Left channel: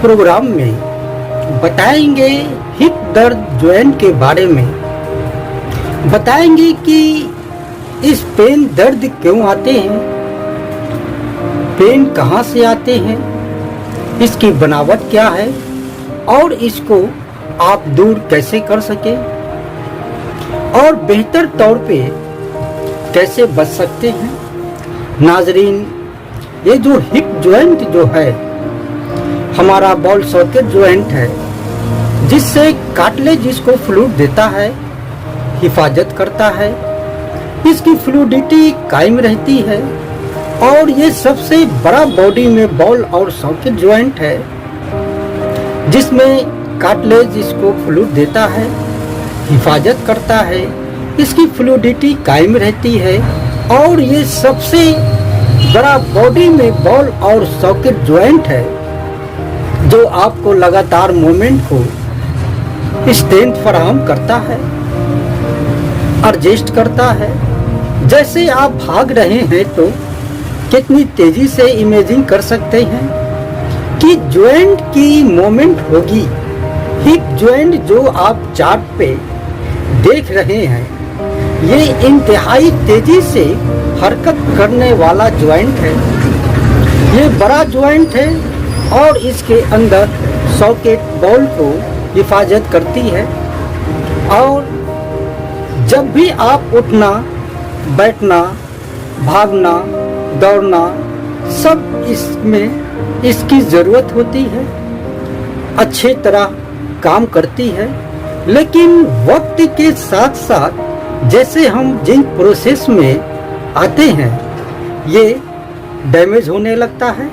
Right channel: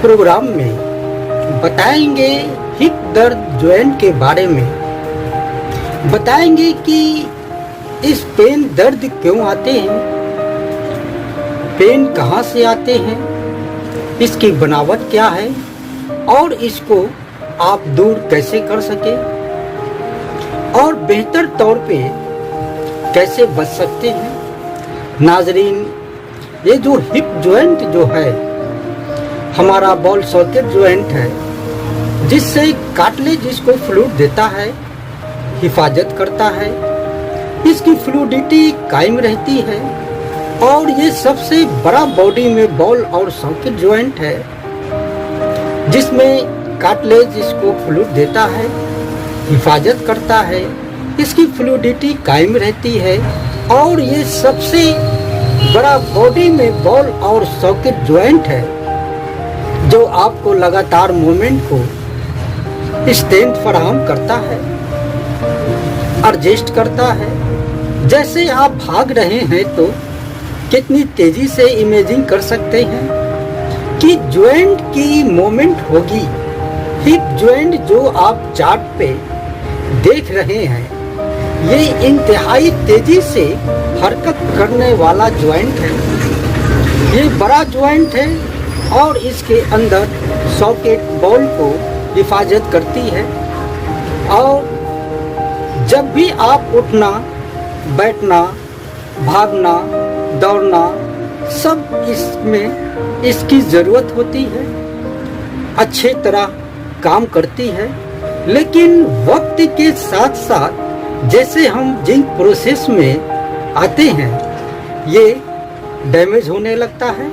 Programme में बताएंगे hip दर्द जॉइंट के बारे में। बताएंगे कि इस पेन दर्द क्यों आते हैं, पेन कहाँ से आते हैं, इसकी बनावट क्या है और इसको आप दूर कैसे कर सके और बेहतर तौर पे कैसे बच सकते हैं। नाजरीन, ये जो हिप जॉइंट जो है हमारा बॉल सॉकेट जॉइंट है, जिससे कार्टिलेज इसको फ्लूइड देता है, हिफाजत करता है, इसकी फ्लूइडिटी कायम रहती है और ये सबसे बड़ा बॉडी में बॉल और सॉकेट जॉइंट है जिसमें कार्टिलेज इसको फ्लूइड देता है, हिफाजत करता है, इसकी फ्लूइडिटी कायम रहती है और ये सबसे बड़ा बॉडी में बॉल और सॉकेट जॉइंट है जो आपको लगातार मूवमेंट को स्ट्रेंथ फराहम करता है, एडजस्ट करता है। जैसे आप भाग रहे हैं तो कितनी तेजी से इमेजिन कर सकते हैं कि जॉइंट की मूवमेंट होगी। हिप जॉइंट जो आप चार्ट पे देख रहे हैं, ये इंतहाई तेजी से हरकत करने वाला जॉइंट है। ये बड़ा जॉइंट है और इसके अंदर सॉकेट बॉल को हिफाजत करती है और जब भी आप उठना, बैठना, भागना, दौड़ना, सब इसमें इसकी ज़रूरत होती है, अच्छे तरह काम करती है। लेकिन वक्त के साथ साथ जैसे हम जिन प्रोसेस में आते हैं, ये डैमेज होने लगता है,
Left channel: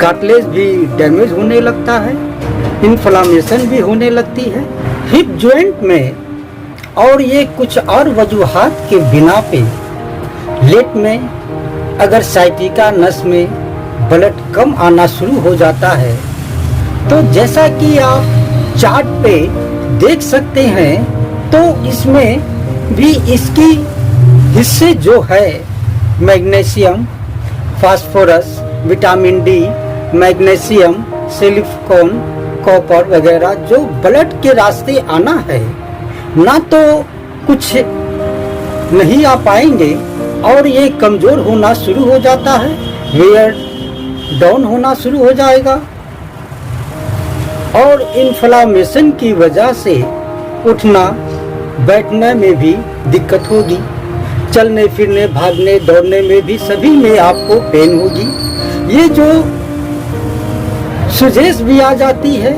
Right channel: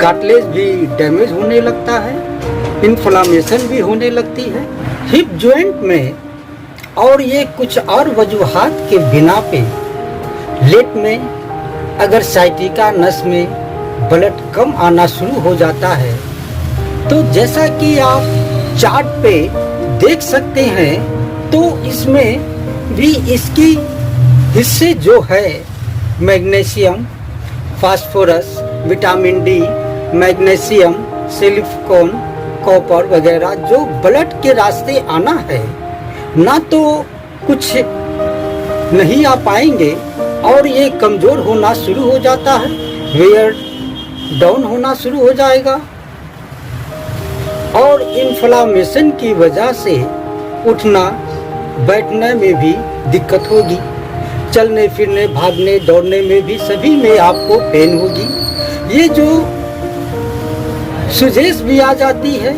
कार्टिलेज भी डैमेज होने लगता है, इन्फ्लामेशन भी होने लगती है हिप जॉइंट में। और ये कुछ और वजूहात के बिना पे लेट में अगर साइटिका नस में ब्लड कम आना शुरू हो जाता है, तो जैसा कि आप चार्ट पे देख सकते हैं, तो इसमें भी इसकी हिस्से जो है magnesium, phosphorus, vitamin D, magnesium, silicon, copper वगैरह जो ब्लड के रास्ते आना है, ना तो कुछ नहीं आ पाएंगे और ये कमज़ोर होना शुरू हो जाता है, वेयर डाउन होना शुरू हो जाएगा और इन्फ्लामेशन की वजह से उठना बैठने में भी दिक्कत होगी, चलने फिरने, भागने, दौड़ने में भी सभी में आपको पेन होगी। ये जो सुजेश भी आ जाती है,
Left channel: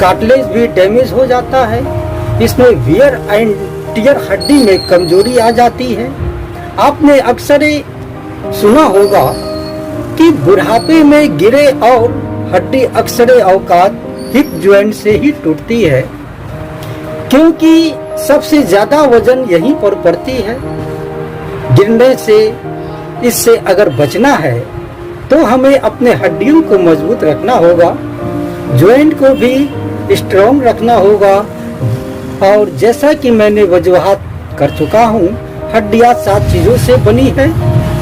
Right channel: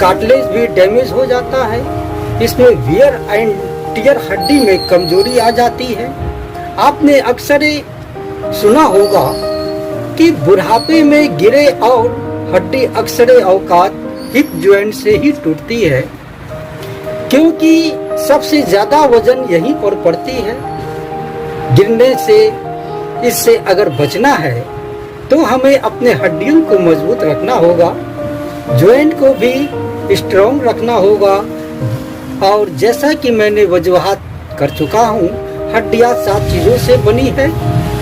कार्टिलेज भी डैमेज हो जाता है, इसमें वियर एंड टियर हड्डी में कमजोरी आ जाती है। आपने अक्सर सुना होगा कि बुढ़ापे में गिरे और हड्डी अक्सर औकात हिप जॉइंट से ही टूटती है, क्योंकि सबसे ज्यादा वजन यहीं पर पड़ती है। गिरने से, इससे अगर बचना है तो हमें अपने हड्डियों को मजबूत रखना होगा, जॉइंट को भी स्ट्रॉन्ग रखना होगा। और जैसा कि मैंने वजूहात कर चुका हूँ, हड्डियाँ 7 चीज़ों से बनी है:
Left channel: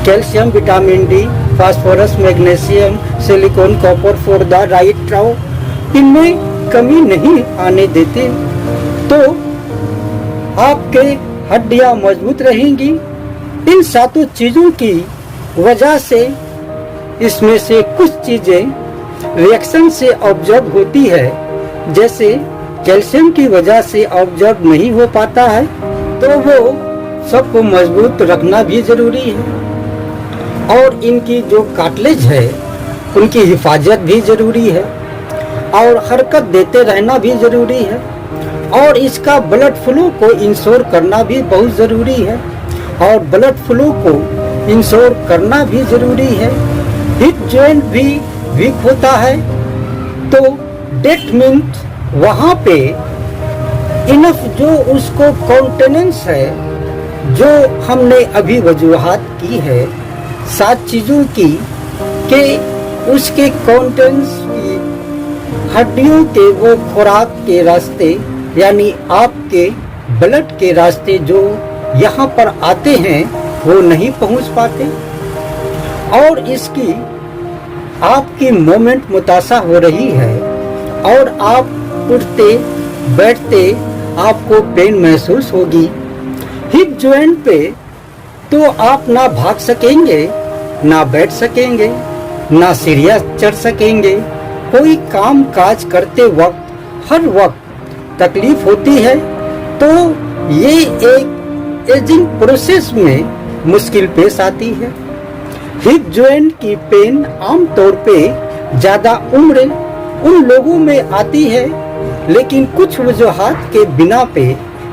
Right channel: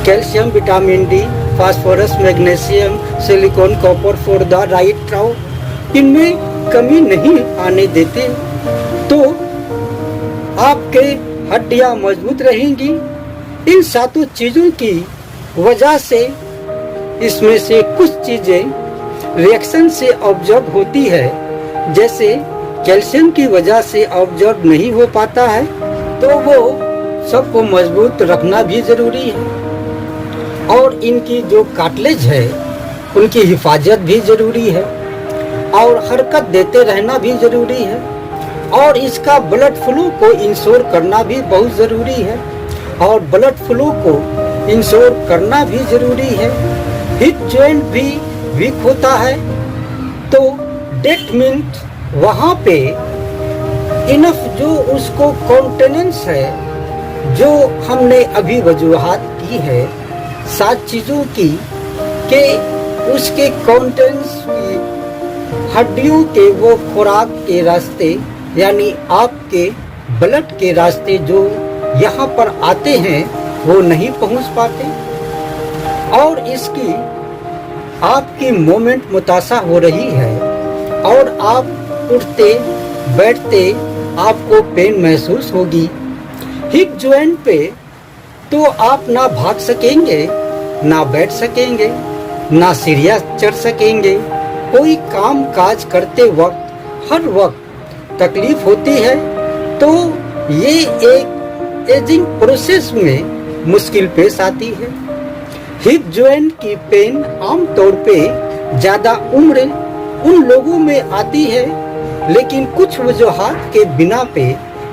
calcium, vitamin D, phosphorus, magnesium, silicon, copper for the right ट्राउ। इनमें कमी नहीं आने देते तो आपके हड्डियाँ मजबूत रहेंगी। इन 7 चीज़ों की वजह से इसमें से कुछ चीज़ें रिएक्शन से ऑब्जर्व होती है, जैसे कैल्शियम की वजह से ऑब्जर्व नहीं हो पाता है, तो वो सबको मजबूत रखना भी ज़रूरी है। और इनकी जो कार्टिलेज है उनकी हिफाजत भी ज़रूरी है और हरकत देते रहना भी ज़रूरी है और इसका ब्लड फ्लो को इंश्योर करना भी बहुत ज़रूरी है और ब्लड फ्लो को इंश्योर करना भी ज़रूरी है। हिप जॉइंट भी वीक होता है तो डेट मीन्स वहाँ पे इनफ जो उसको कॉन्टेनेंस है, जो हमने अभी वजूहात की है 7 चीज़ों की, के उसके कॉन्टेनेंस की हड्डियों के वो खुराक के रास्ते, यानी आपके ब्लड के रास्ते जो यहाँ पर आते हैं वो नहीं पहुँच पाते और इसकी आपकी मूवमेंट मुतासा हो रही है और आप उठते बैठते आपको पेन महसूस होगी। हिप जॉइंट पे तो आप ना भाग सकेंगे, ना बैठ सकेंगे, ना सीढ़ियाँ चढ़ सकेंगे। कोई काम काज करते वक्त हर वक्त तकलीफ होती है, तो ये एक एजिंग प्रोसेस में मुश्किल पेश आती है। हिप जॉइंट की पेन आमतौर पे ज्यादा उम्र उन लोगों में आती है, लेकिन कुछ वजूहात के बिना पे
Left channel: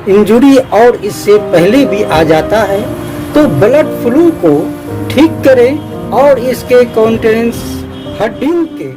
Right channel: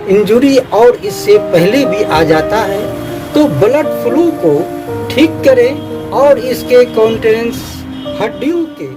इंजरी और इससे पहले भी आ जाता है। तो ब्लड फ्लो को ठीक करें और इसके कॉन्टेनेंस हड्डियों के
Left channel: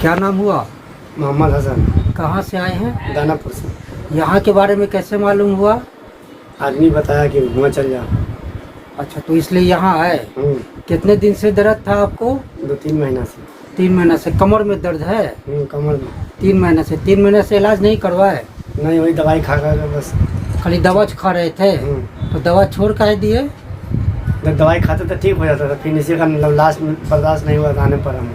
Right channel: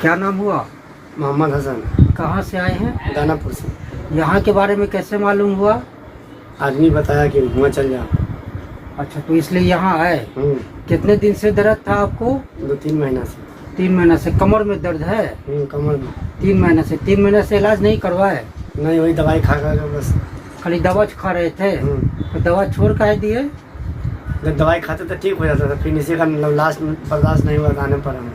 क्या नाम हुआ? मोहम्मद हसन, कहाँ से आए हैं? दानापुर से। यहाँ के बारे में कैसे मालूम हुआ? आदमी बताया कि वहाँ चल जा। अच्छा, तो इसलिए यहाँ आए। कितने दिन से दर्द था आपको? 2-3 महीना से। 3 महीना से। कमर में दर्द है? कमर में 3 महीने से। 3 महीने से इलाज नहीं करवाए? नहीं, वही दवाई खा खा के बस। खाली दवा खा रहे थे? तो दवा छोड़ काहे दिए? जब दवाई खाते तो ठीक हो जाता था, फिर इसी का मतलब लास्ट में बर्दाश्त नहीं हुआ, आने पर हम।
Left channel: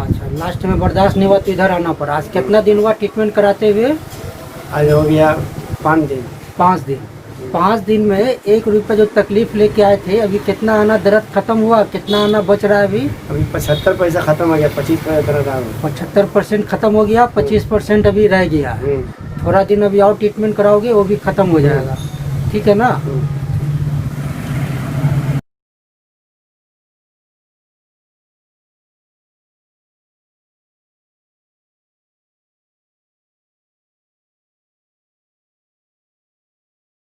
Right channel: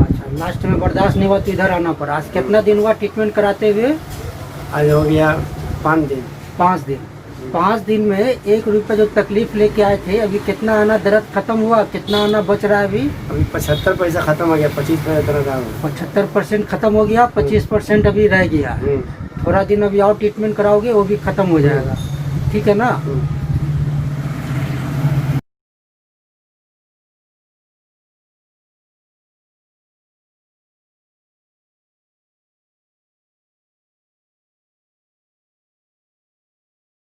अच्छा, लास्ट में बर्दाश्त नहीं हुआ तो इधर आना पड़ा। आज कितना दिन हुआ ट्रीटमेंट कराते हुए? आज हो गया 5 दिन। 5 दिन। 5 दिन में 1 रुपये जो तकलीफ लेके आए थे, अभी कितना आना दर्द खत्म हुआ? कितना आना बच रहा है अभी? अभी 75 पैसा खत्म हो गया, 25 पैसा 75% खत्म हो गया, 25% अभी रह गया। थोड़ा दिन अभी और ट्रीटमेंट कराओगे, वो भी खत्म हो जाएगा। ठीक है ना?